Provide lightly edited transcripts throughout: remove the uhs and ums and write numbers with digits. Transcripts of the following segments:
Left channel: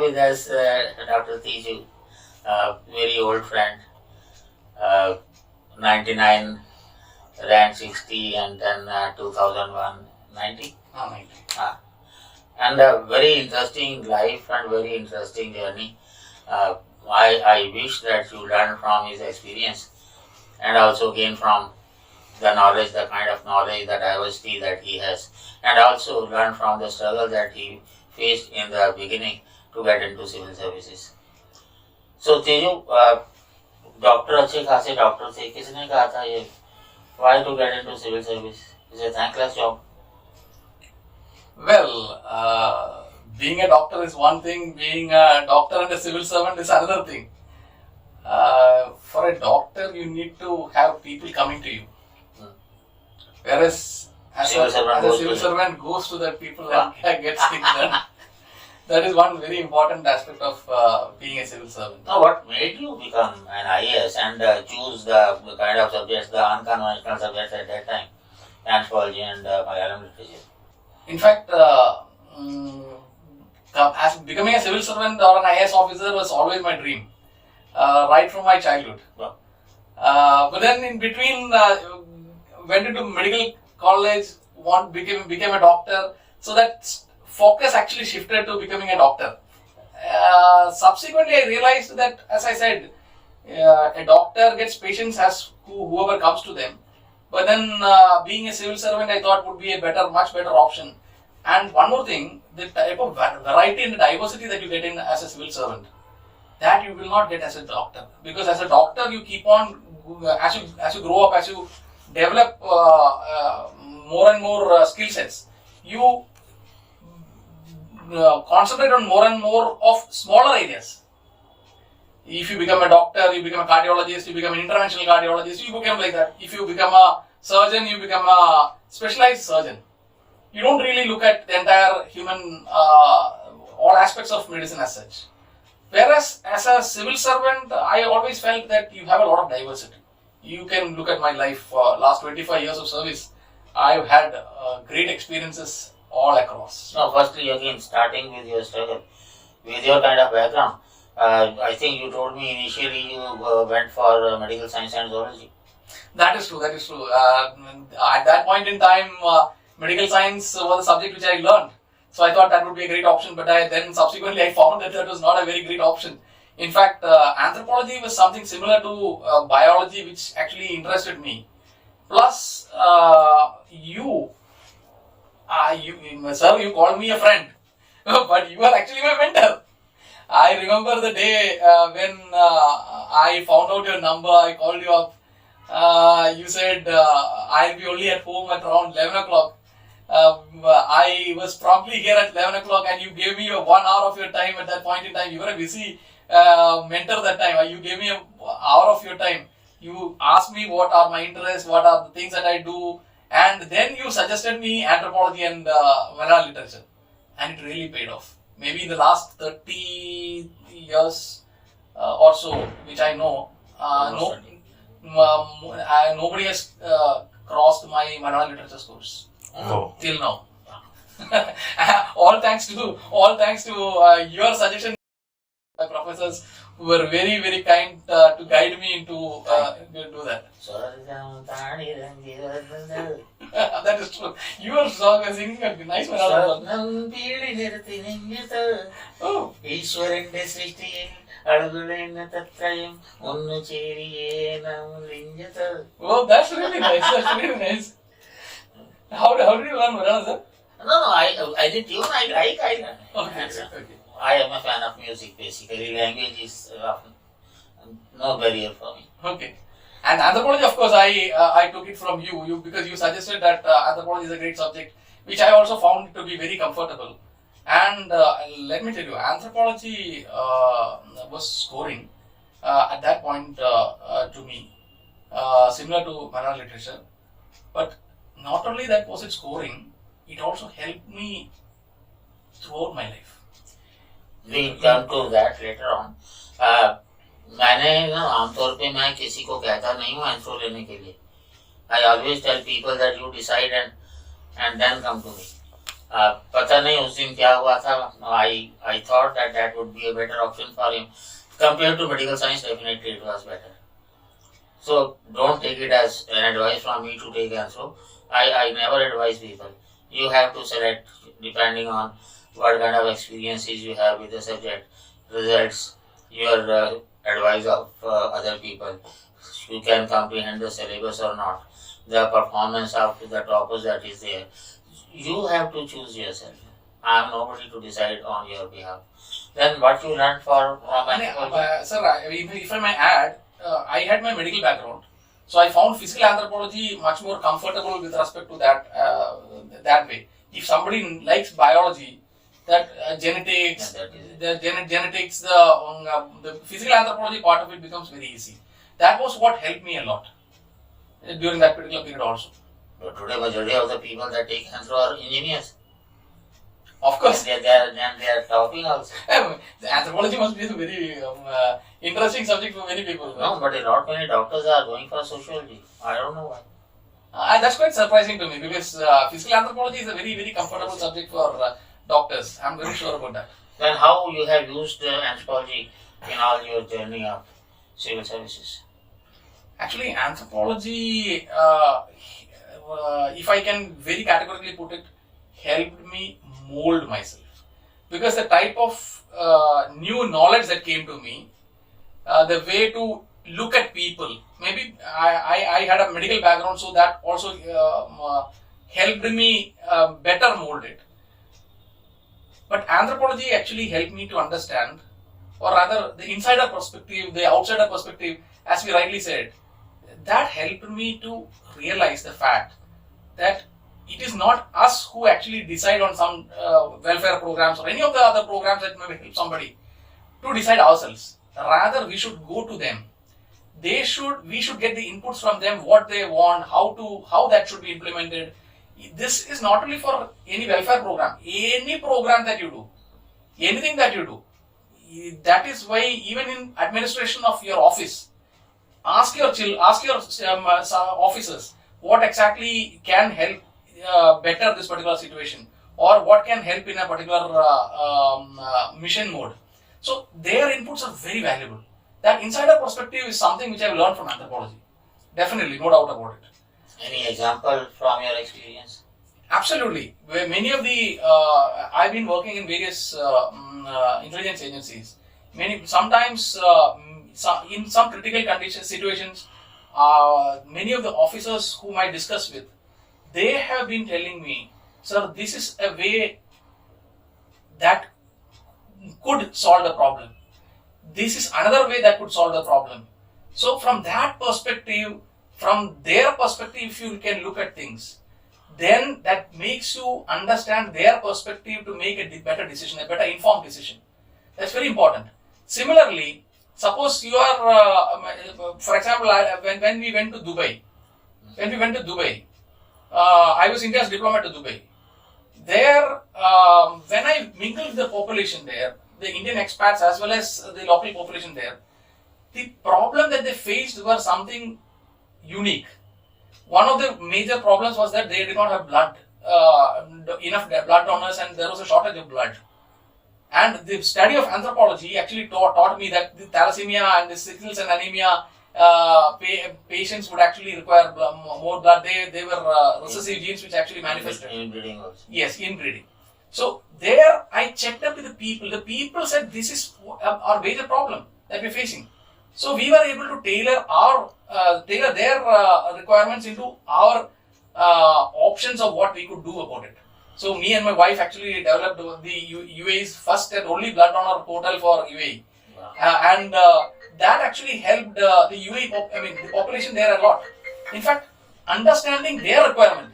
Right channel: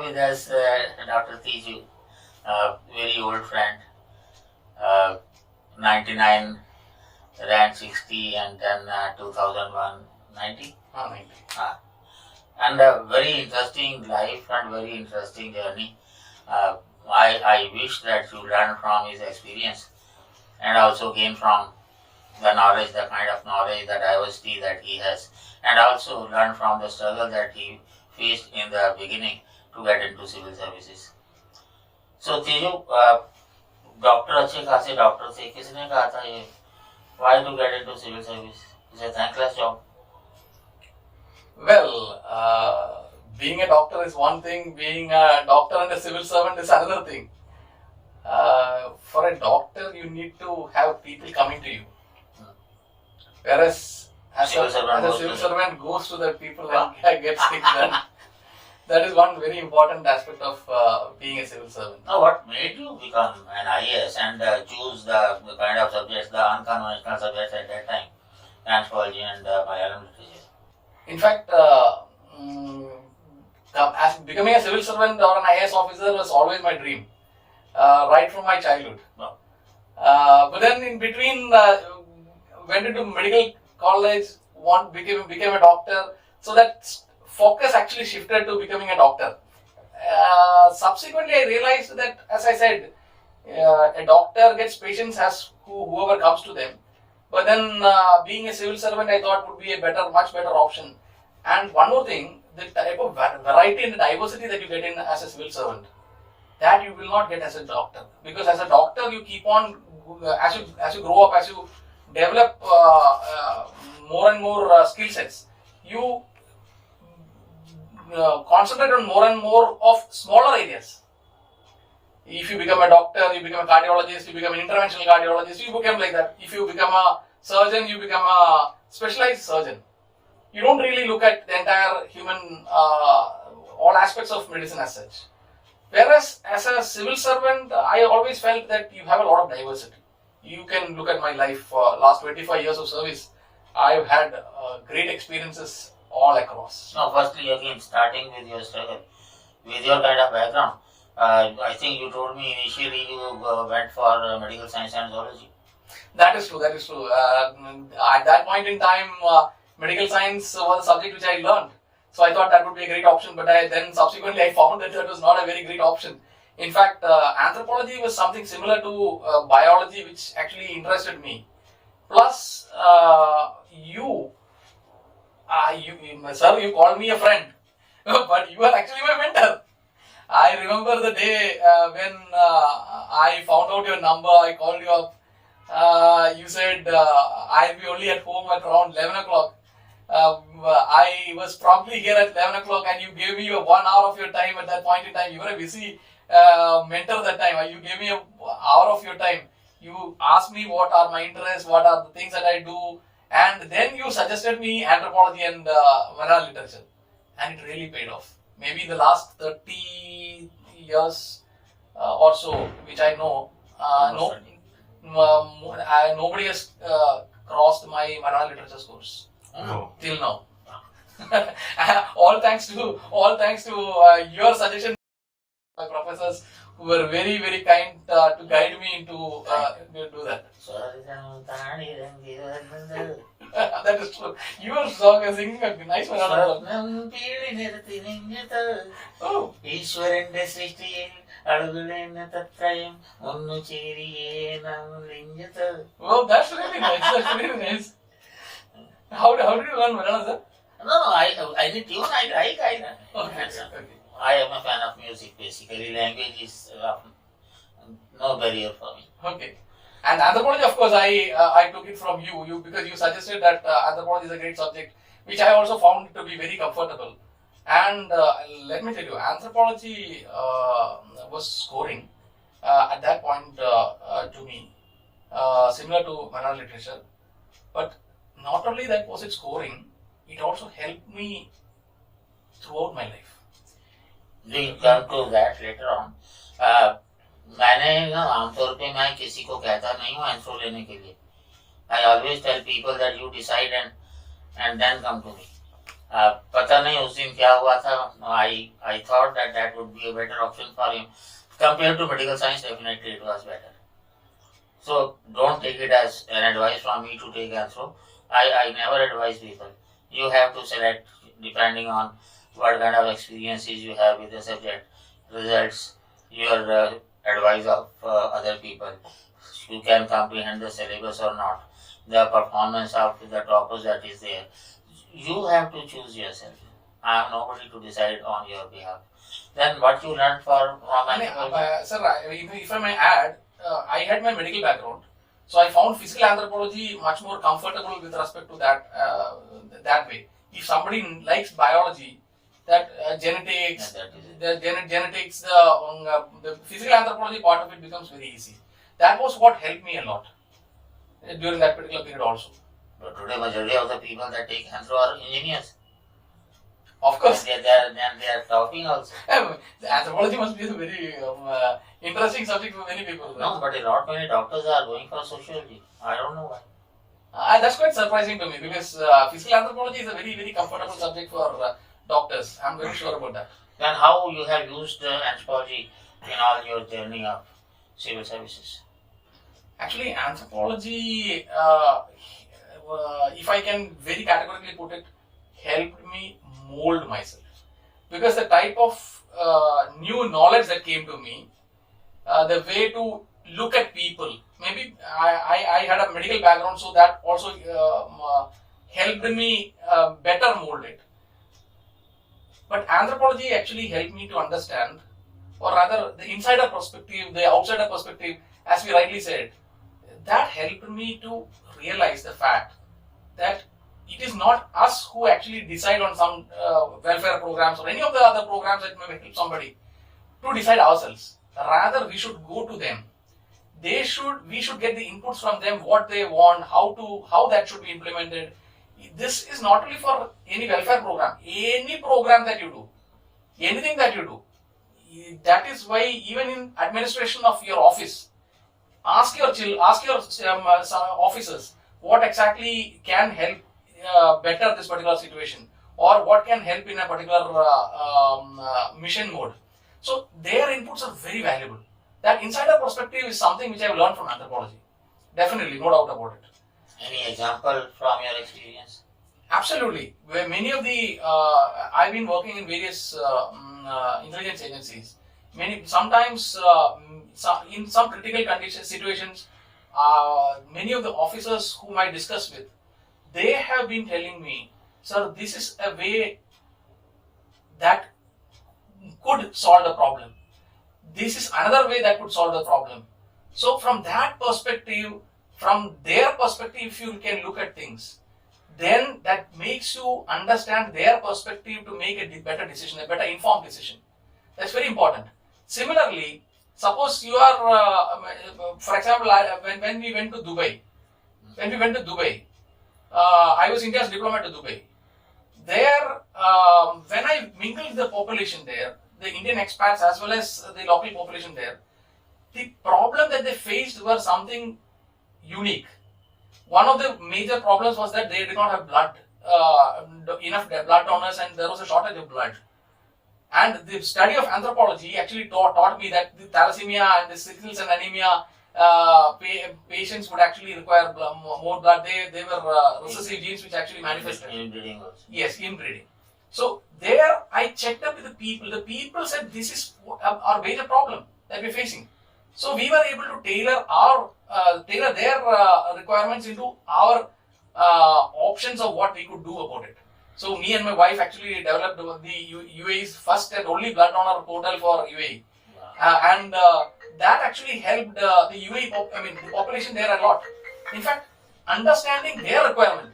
have with us Dr. TIJU, very old friend, 99 rank 60 and then 2001 90. 90. And a very interesting life and very interesting journey. I wish that you learn from his experience and also gain from the knowledge, the kind of knowledge, the diversity that he has, and also learn from the struggle that he faced in the beginning to get into civil services. So TIJU, doctor अच्छे खासे doctor थे, किसने कहा था ये why to get into civil service? It's a thankless job. Well, being a doctor is one thing, being a doctor and a civil servant is another thing. For a doctor, you need to have people coming to you. Whereas as a civil servant goes to the people and gets things done. That is one very important aspect of being a civil servant. Now, what made you become an IAS and choose the kind of subjects, the unconventional subjects at that time, anthropology and Malayalam literature? In fact, as becoming a civil servant or an IAS officer was always my dream, right from my childhood. Wow. But then in between, went into medical college, became a doctor, so that focus actually shifted to becoming a doctor. Subsequently, I realized that, as I said, a doctor gets patients as whoever comes to them. But then, being a civil servant, I thought would be a much better option. And one more thing, the type of variety and diversity that you get in as a civil servant, that you will not get as a doctor. Because as a doctor, you keep on, as you grow up, as you develop more and more skill sets, you concentrate on more and more of smaller areas. If you become a doctor, you become a cardiologist, you become an interventional cardiologist, you become like that. If you become a surgeon, you become a specialized surgeon. You don't really look at the entire human, all aspects of medicine as such. Whereas as a civil servant, I always felt that you have a lot of diversity. You can look at my life, last 25 years of service, I've had great experiences all across. Now, firstly, again, starting with your struggle, with your kind of background, I think you told me initially you went for medical science and zoology. That is true. At that point in time, medical science was a subject which I learned. So I thought that would be a great option, but then subsequently I found that was not a very great option. In fact, anthropology was something similar to biology, which actually interested me. Plus, sir, you called me a friend, but you are actually my mentor. I remember the day when I found out your number, I called you up. You said I'll be only at home at around 11 o'clock. I was promptly here at 11 o'clock and you gave me 1 hour of your time at that point in time. You were a busy mentor that time. You gave me an hour of your time. You asked me what are my interests, what are the things that I do, and then you suggested me anthropology and Malayalam literature, and it really paid off. Maybe in the last 30 years or so, which I know, nobody has crossed my Malayalam literature scores till now. all thanks to your suggestion. My professors who were very, very kind to guide me into do that. That is true. Your song is singing a nice Malayalam song. Oh. Oh, that's really nice. How did you learn Malayalam, sir? No, I did tune. I Okay. I am a fan of music, basically. Language is no barrier for me. Okay. And anthropology, of course, I took it from you because you suggested that anthropology is a great subject, which I also found to be very comfortable. And let me tell you, anthropology was scoring at that point to me, similar to Malayalam literature. But not only that was it scoring, it also helped me throughout my life. We'll come to that later on. मैंने आमतौर पे मैं किसी को कहता नहीं हूँ anthro लेने के लिए. I always tell people that you decide and then come to me. पता नहीं उस दिन क्या हुआ था. I thought that would be a better option for him. Compared to medical science, definitely it was better. So don't take it as an advice from me to take Anthro. I never advise people. You have to select depending on what kind of experiences you have with the subject, results, your advice of other people. You can comprehend the syllabus or not. The performance of the toppers that is there. You have to choose yourself. I am nobody to decide on your behalf. Then what you learn from anthropology? Sir, if I may add, I had my medical background, so I found physical anthropology much more comfortable with respect to that way. If somebody likes biology, that genetics, genetics, the physical anthropology part of it becomes very easy. That was what helped me a lot during that particular period also. But today, majority of the people that take Anthro are engineers. Of course. They are talking also. The anthropology must be a very interesting subject for many people. No, but a lot many doctors are going for sociology. I don't know why. That's quite surprising to me because physical anthropology is a very, very comfortable subject for doctors. I'm very sure about that. Then how you have used anthropology in all your journey of civil services? Actually, anthropology, if I can very categorically put it, helped me mold myself. Because the type of new knowledge that came to me, the way to look at people, maybe I had a medical background, so that also helped me better mold it. But anthropology actually helped me to understand, or rather the insider perspective, the outsider perspective, as we rightly said, that helped me to realize the fact that it is not us who actually decide on some welfare programs or any of the other programs that may help somebody to decide ourselves. Rather, we should go to them. We should get the inputs from them, what they want, how that should be implemented. This is not only for any welfare program, any program that you do, anything that you do. That is why even in administration of your office, ask your officers what exactly can help better this particular situation, or what can help in a particular mission mode. So their inputs are very valuable. That insider perspective is something which I have learned from anthropology. Definitely, no doubt about it. Any example from your experience? Absolutely. Where many of the I've been working in various intelligence agencies. Sometimes in some critical situations, many of the officers whom I discuss with, they have been telling me, sir, this is a way that could solve the problem. This is another way that could solve the problem. So from that perspective, from their perspective, if you can look at things, then that makes you understand their perspective to make a better decision, a better informed decision. That's very important. Similarly, suppose you are, for example, when we went to Dubai, I was India's diplomat to Dubai. There, when I mingled with the population there, the Indian expats as well as the local population there, the problem that they faced were something unique. One of the major problems was that they did not have blood, enough blood donors, and there was a shortage of blood. And the study of anthropology actually taught me that the thalassemia and the sickle cell anemia patients would actually require more blood. They were recessive genes which actually manifested. Inbreeding also. Yes, inbreeding. So there I checked up with the people. The people said this is our major problem that we're facing. So we were able to tailor their requirements into our options of what we could do about it. So me and my wife actually developed the UAE's first and only blood donor portal for UAE. Wow. And that actually helped the UAE, the population there a lot. In fact, understanding their requirement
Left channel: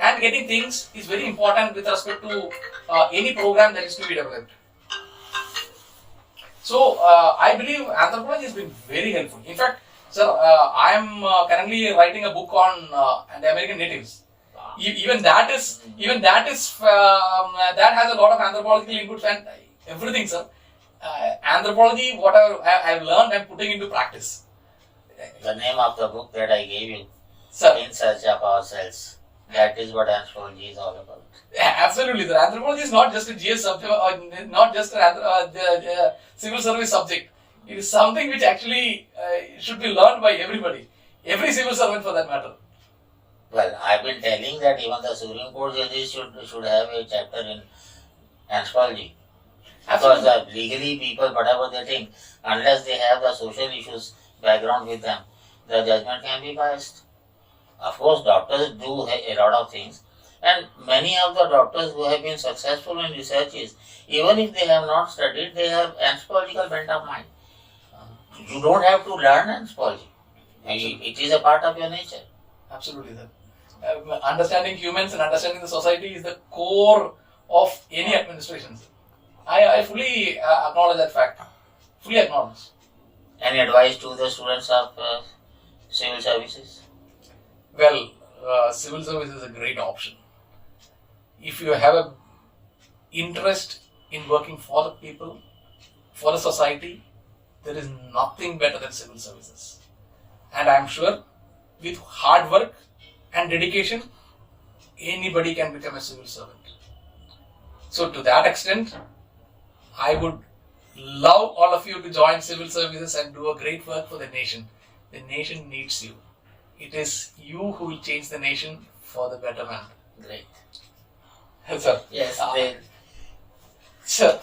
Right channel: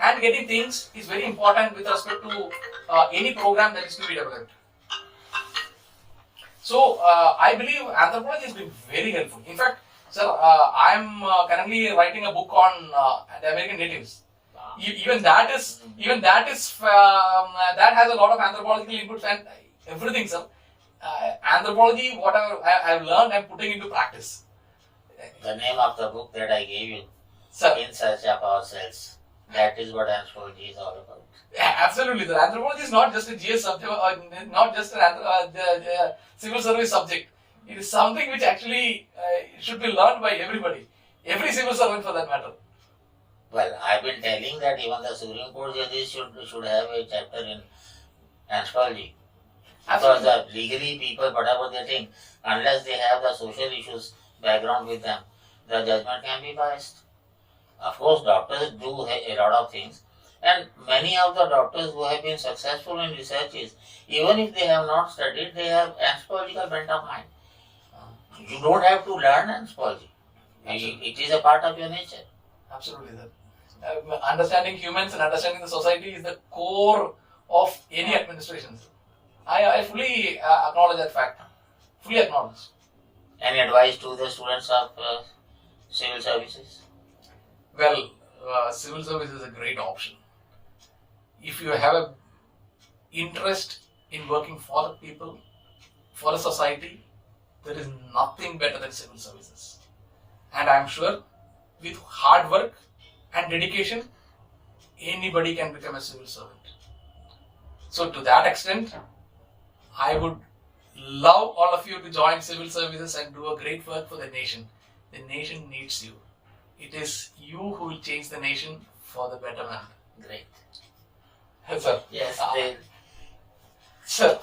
and getting things is very important with respect to any program that is to be developed. So I believe anthropology has been very helpful. In fact, sir, I am currently writing a book on the American natives. Wow. Even that has a lot of anthropological inputs and everything, sir. Anthropology, whatever I have learned, I am putting into practice. The name of the book that I gave you, sir, In Search of Ourselves. That is what anthropology is all about. Absolutely, sir. Anthropology is not just a GS subject or not just the civil service subject. It is something which actually should be learned by everybody, every civil servant for that matter. Well, I've been telling that even the Supreme Court judges should have a chapter in anthropology. Because legally people, whatever they think, unless they have the social issues background with them, the judgment can be biased. Of course, doctors do a lot of things, and many of the doctors who have been successful in researches, even if they have not studied, they have anthropological bent of mind. You don't have to learn anthropology. It is a part of your nature. Absolutely, sir. Understanding humans and understanding the society is the core of any administration. I fully acknowledge that fact. Fully acknowledge. Any advice to the students of civil services? Well, civil service is a great option. If you have an interest in working for the people, for the society, there is nothing better than civil services. And I'm sure with hard work and dedication, anybody can become a civil servant. So to that extent, I would love all of you to join civil services and do a great work for the nation. The nation needs you. It is you who will change the nation for the betterment. Great. Sir. Yes, great. Sir.